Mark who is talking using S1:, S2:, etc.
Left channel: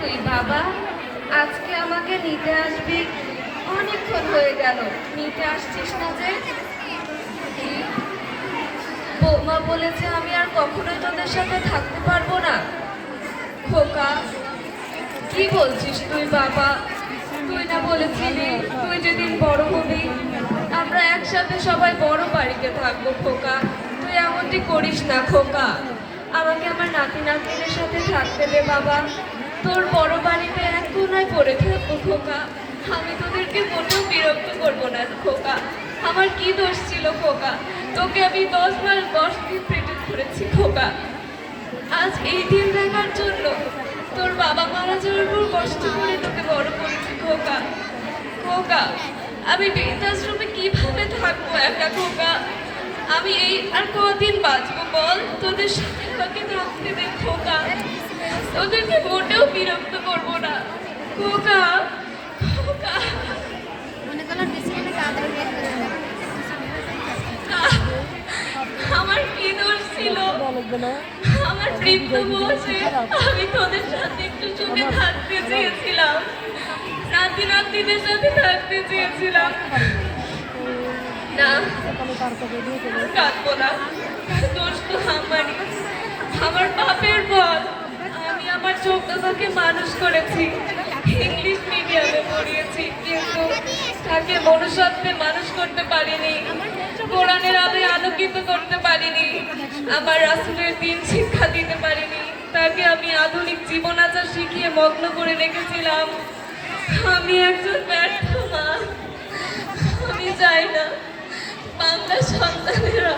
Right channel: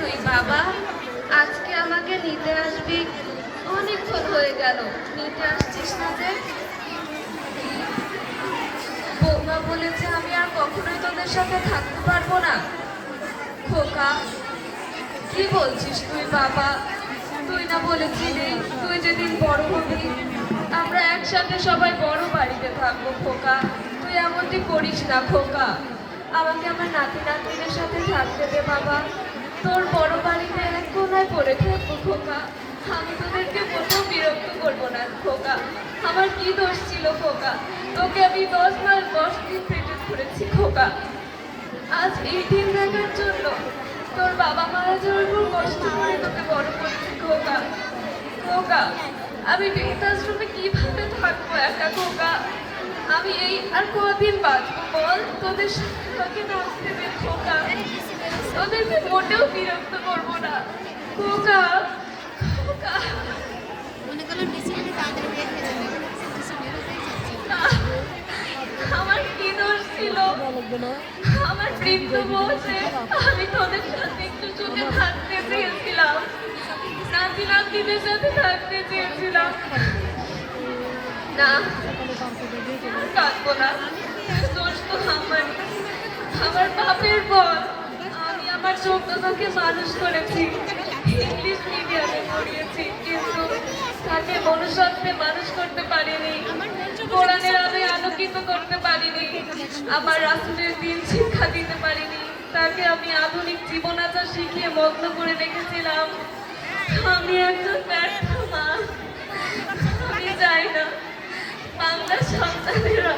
S1: তুই, বাবা। আজকে আমাকে নিতে আসবি। অনেকক্ষণ হয়ে গেল। নিতে আসছিস না যে? বৌমা বলেছে আমি আর কখনো তোদের সাথে থাকতে পারব না। খোকা, কি বলছিস তুই, বাবা? তুই না বলেছিলি, তুই যেদিন বড় হবি, আমরা একসাথে সবাই বড় বাড়িতে থাকব, খোকা। তুই এমনটি করিস না, খোকা। আমাকে আমার নাতি নাতনিদের সাথে থাকতে দে, বাবা। তোর বড় বাড়িতে এক কোনায় পড়ে থাকব, খোকা। আমি তোদেরকে মোটেও বিরক্ত করব না, খোকা। আমার কি দোষ ছিল, খোকা? তোকে আমি দশ মাস দশ দিন পেটে ধরেছি, খোকা। আজ এই দিন দেখার জন্য তোর বাবা মারা যাওয়ার পর কষ্ট করে তোকে বড় করেছি, খোকা। খোকা, আমি বৃদ্ধাশ্রমে কীভাবে থাকব একা, খোকা? আমি এই আর কদিন বাঁচবো বল? তোদের সাথে থাকতে দে খোকা তোদেরকে মোটেও বিরক্ত করব না। খোকা আমার কি দোষ ছিল? আমার বৃদ্ধ বসে আমি তোদের সাথে একটু সুখে থাকতে চেয়েছিলাম। নাতি নাতিদের সাথে থাকতে চেয়েছিলাম। না কাঁদবো না দোষ তো আমারই আমার বাপের পথ আমি আমার ছোটটাকে মানুষ করেছি। ইংলিশ মিডিয়ামে পড়িয়েছি, কিন্তু তাকে মনুষ্যত্বে মানুষ করতে পারিনি। কোরআনের আলোয় আলোকিত করতে পারিনি। আমার রাসুলের দিন শিক্ষা দিতে পারিনি। তাকে আমি আধুনিক জীবন আচার শিখিয়ে মগ্ন করে রেখেছিলাম। আমি একজন ব্যর্থ মা। আমি চাই না বাংলা সন্তানেরা